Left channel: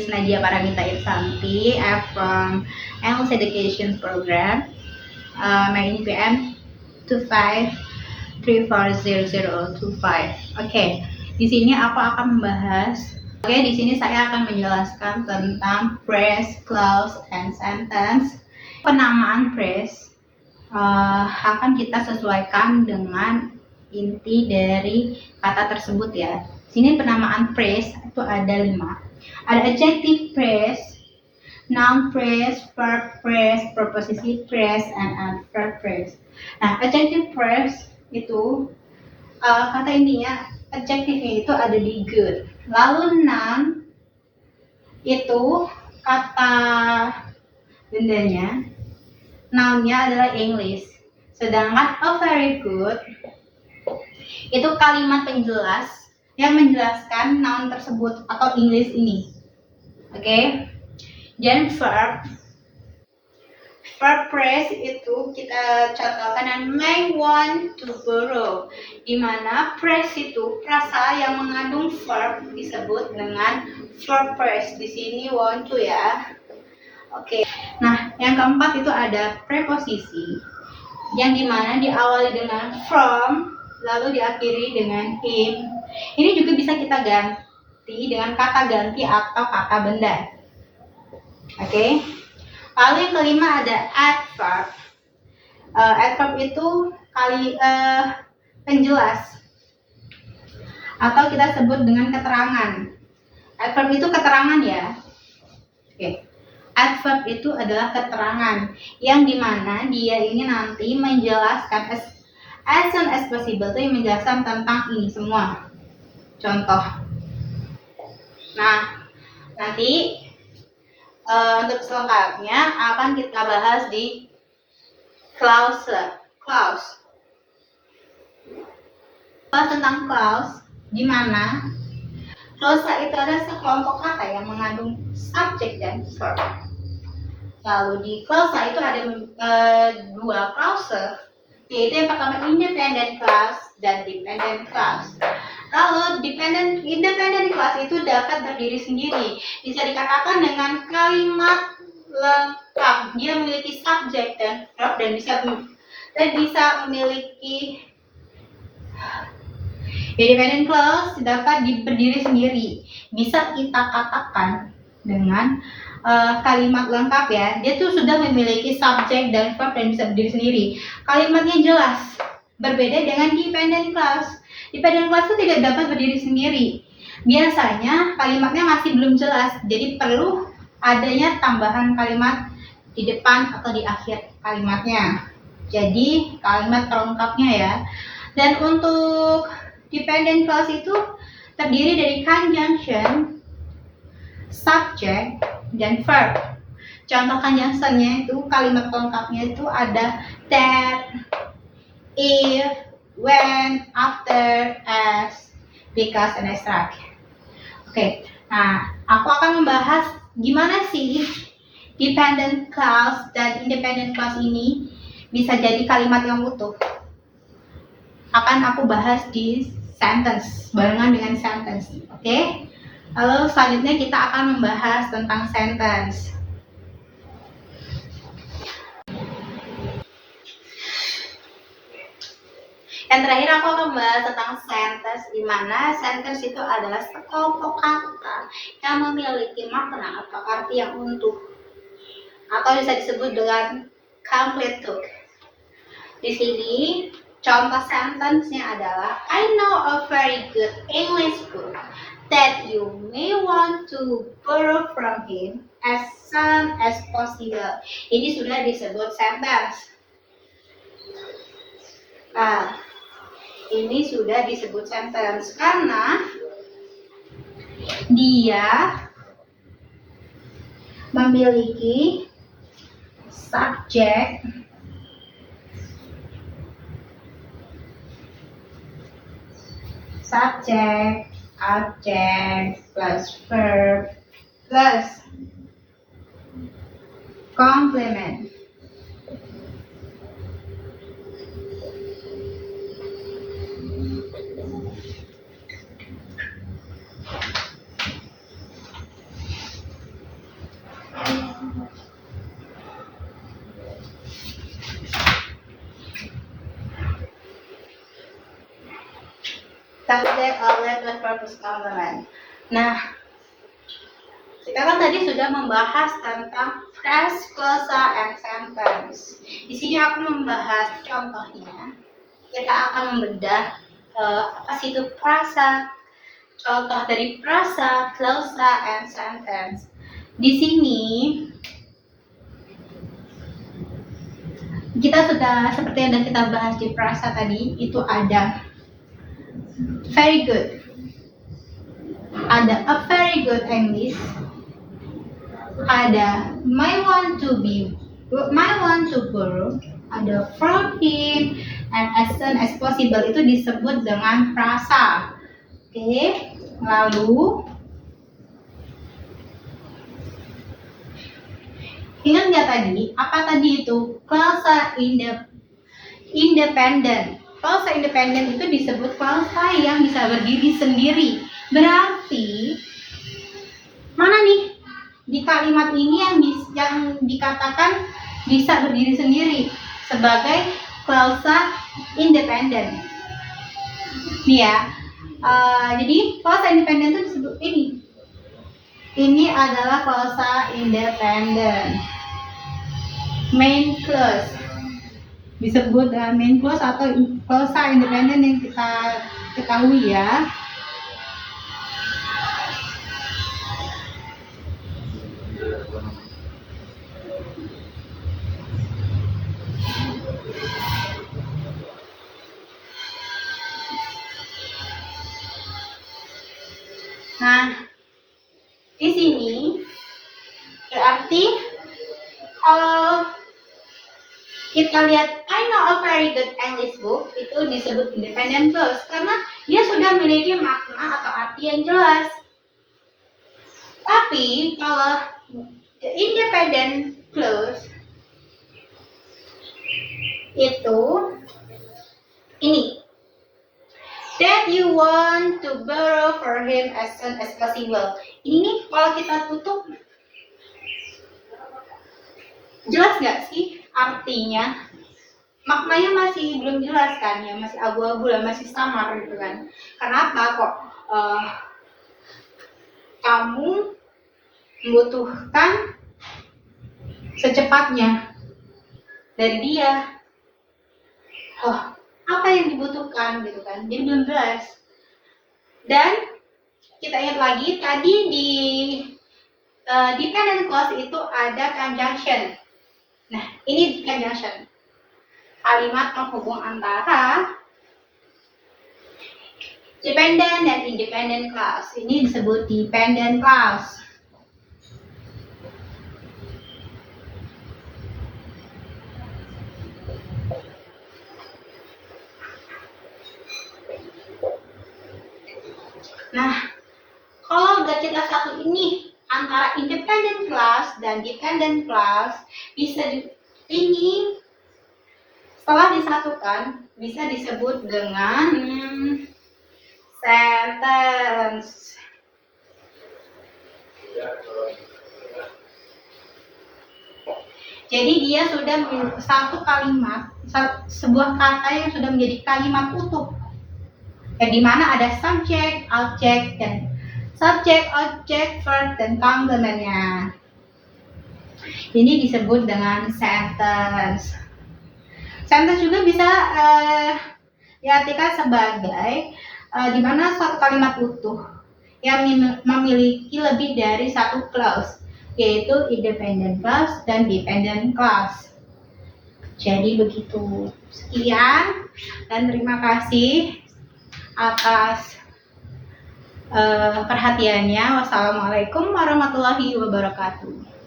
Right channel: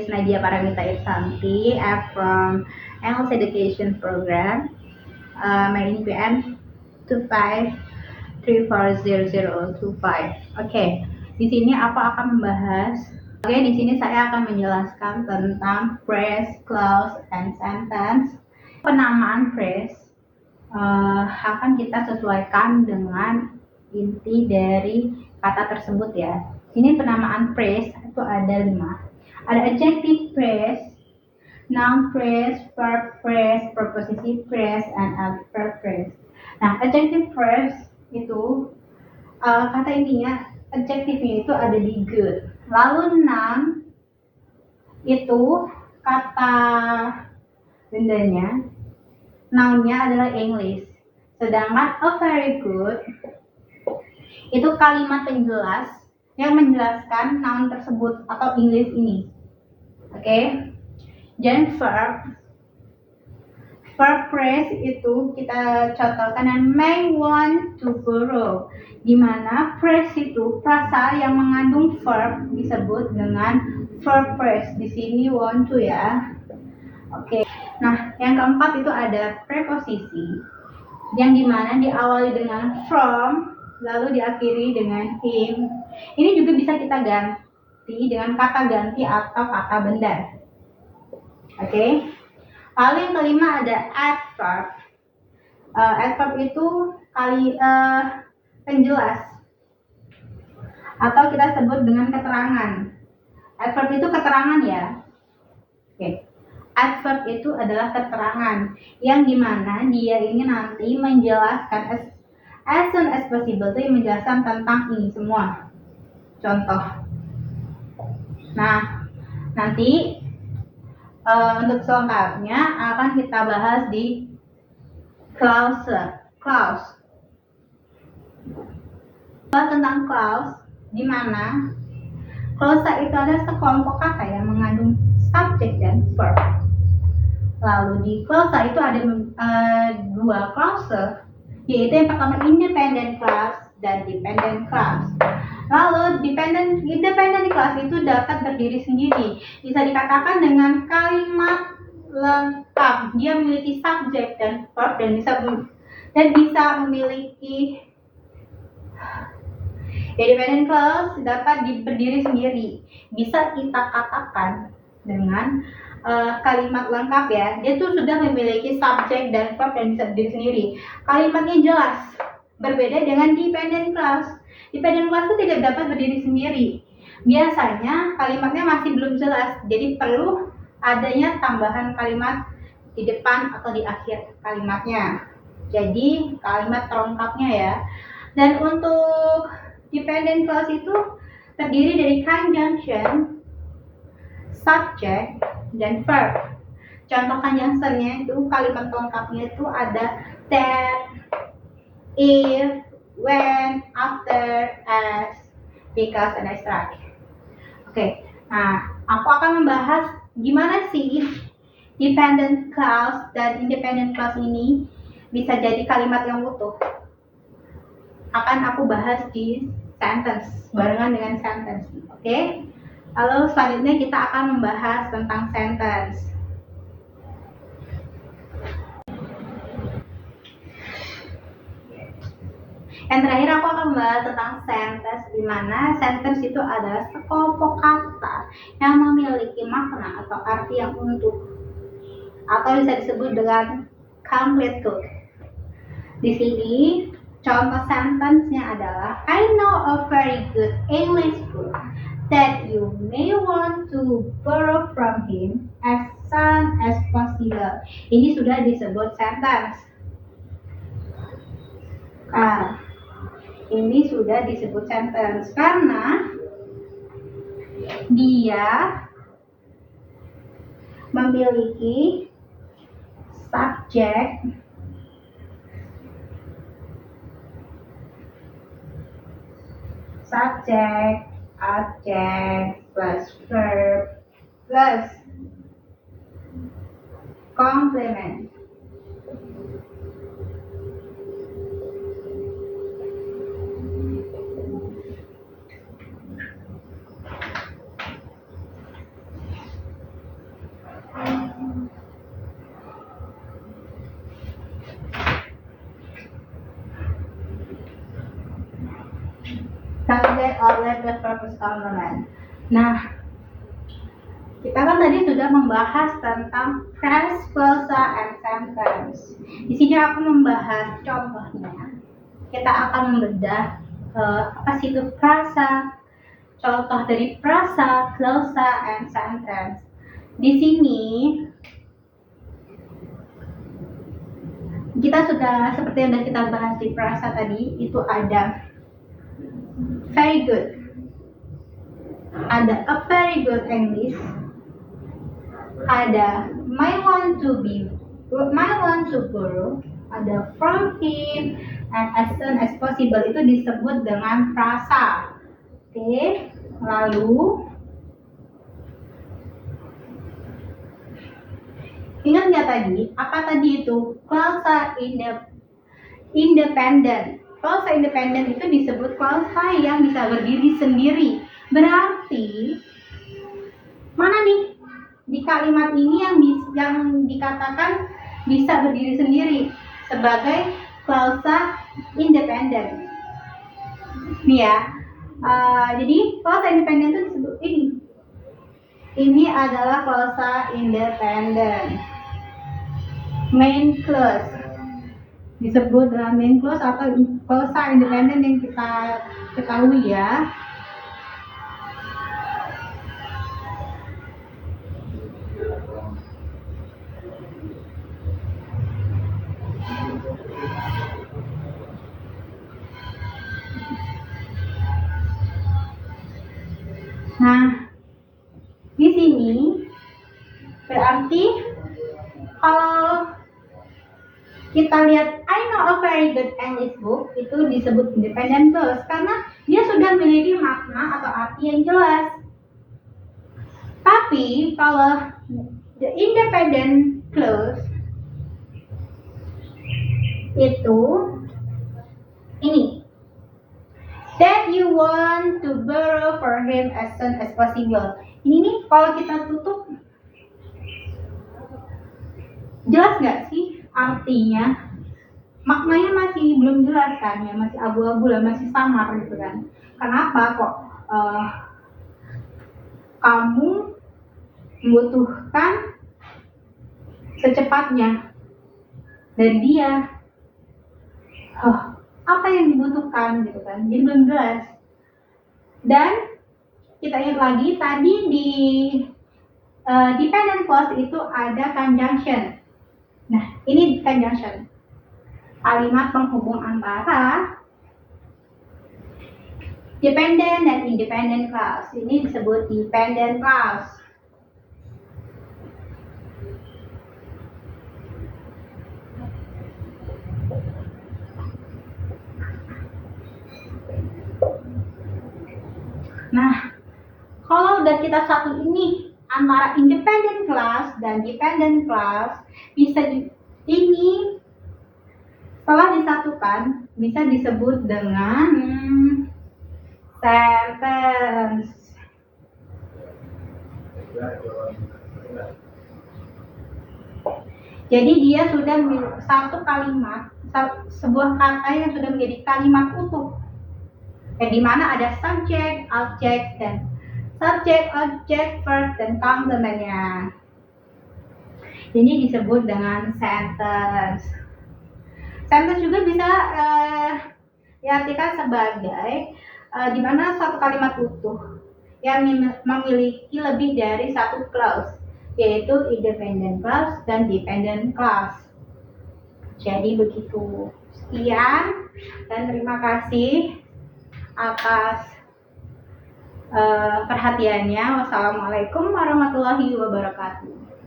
is Nadia Paramita Irsanti. I'm from English Education Program. My NPM 25340025. Oke, di sini aku akan membahas. Di sini saya akan menjelaskan tentang phrase, clause, and sentence. Penamaan phrase akan kita sesuaikan dengan inti dari kata tersebut ya. Sini penamaan phrase itu ada 5. Ada adjective phrase, noun phrase, verb phrase, preposition phrase, and adverb phrase. Nah, adjective phrase itu kata intinya adjektifnya itu ada di good. Lalu noun itu kata bendanya, nounnya adalah English. Sedangkan a very good itu kalimat penjelas yang menjelaskan noun tersebut atau English ini. Oke. Dan verb phrase itu kita contohkan dengan may want to borrow, di mana phrase itu frasa yang mengandung verb disebut dengan verb phrase. Di sini want to ya. Oke. Nah, yang keempat itu ada preposisi yang dimana diawali dengan from lalu diakhiri dengan him. Ini juga bisa kita ganti dengan kata ganti atau kata benda. Oke. Lalu yang kelima ada adverb. Adverb itu penjelas atau kita sebut dengan keterangan. Adverb itu keterangan ya. Oke. Adverb itu adalah keterangan yang dimana dia ini nanti menjelaskan as soon as possible, itu yang menjelaskan tentang ini semua. Contoh. Nah, nanti untuk selengkapnya akan kita bahas di clause. Tentang clause, di mana clause itu ada sekelompok kata yang mengandung subjek dan verb. Lalu di clause itu ada 2 clause, yaitu yang pertama independent clause dan dependent clause. Lalu independent clause itu dapat berdiri sendiri, bisa dikatakan dengan kalimat lengkap. Dia memiliki subjek dan verb dan bisa memiliki independent clause dapat berdiri sendiri. Bisa kita katakan dengan kalimat lengkap ya. Dia tuh sudah memiliki subjek dan verb dan bisa berdiri sendiri. Kalimatnya jelas. Berbeda dengan dependent clause. Dependent clause itu tidak dapat berdiri sendiri. Biasanya kalimatnya masih belum jelas, jadi perlu adanya tambahan kalimat di depan atau di akhir kalimatnya. Jadi kalimat pelengkapnya ya. Dan untuk dependent clause itu terdiri dari conjunction, subject, dan verb. Contoh conjunctionnya itu kalimat pelengkapnya itu ada that, if, when, after, as, because, and etc. Oke, nah aku akan membahas gimana sih dependent clause dan independent clause ini bisa jadi kalimat yang utuh. Akan aku bahas di sentence, barengan dengan sentence. Oke? Lalu selanjutnya kita akan membahas tentang sentence. Yang terakhir aku akan membahas tentang sentence, di mana sentence itu adalah sekelompok kata yang memiliki makna atau arti yang utuh, atau bisa disebut dengan complete thought. Di sini contoh sentence-nya adalah I know a very good English book that you may want to borrow from him as soon as possible. Ini sudah disebut sentence. Ini sudah disebut sentence karena dia memiliki subjek, object, plus verb, plus complement. subject, object, verb, purpose, complement. Nah, kita kan tadi sudah membahas tentang phrase, clausa, and sentence. Di sini aku membahas contohnya. Kita akan membedah apa sih itu frasa, contoh dari frasa, clausa, and sentence. Di sini kita sudah seperti yang kita bahas di frasa tadi, itu ada very good, ada a very good English, ada my want to go, ada from him, and as soon as possible itu disebut dengan frasa. Oke, lalu ingat nggak tadi? Apa tadi itu? Clausa independent. Clausa independent itu disebut clausa yang bisa berdiri sendiri. Berarti mana nih di kalimat ini yang dikatakan bisa berdiri sendiri sebagai clausa independent? Nih ya. Jadi clausa independent itu disebut ini. Ini adalah clausa independent. Main clause disebut main clause atau clausa independent yang kita ketahui ya. Nah, di sini berarti kalau kita lihat I know a very good English book itu disebut independent clause karena dia sudah memiliki makna atau arti yang jelas. Tapi kalau the independent clause itu ini, that you want to borrow for him as soon as possible. Ini nih kalau kita tutup, jelas nggak sih artinya? Maknanya masih belum jelas kan ya, masih abu-abu lah, masih samar gitu kan. Kenapa kok kamu membutuhkan secepatnya dari dia? Apa yang dibutuhkan gitu kan? Jadi belum jelas. Dan kita ingat lagi tadi di dependent clause itu ada conjunction. Nah, ini conjunction. Kalimat penghubung antara dependent dan independent clause. Ini disebut dependent clause. Nah, kalau udah kita satu ini antara independent clause dan dependent clause, bisa ini setelah disatukan bisa disebut dengan sentence. Jadi dia sudah satu kalimat, sebuah kata yang sudah menjadi kalimat utuh. Di mana ada subject, object, dan subject, object, verb, dan complementnya. Ini disebut dengan sentence. Sentence juga bisa diartikan sebagai di mana suatu kalimat utuh yang memiliki lebih dari satu clause, yaitu independent clause dan dependent clause. Jadi begitu. Sekian dan terima kasih atas perhatiannya. Wassalamualaikum warahmatullahi wabarakatuh.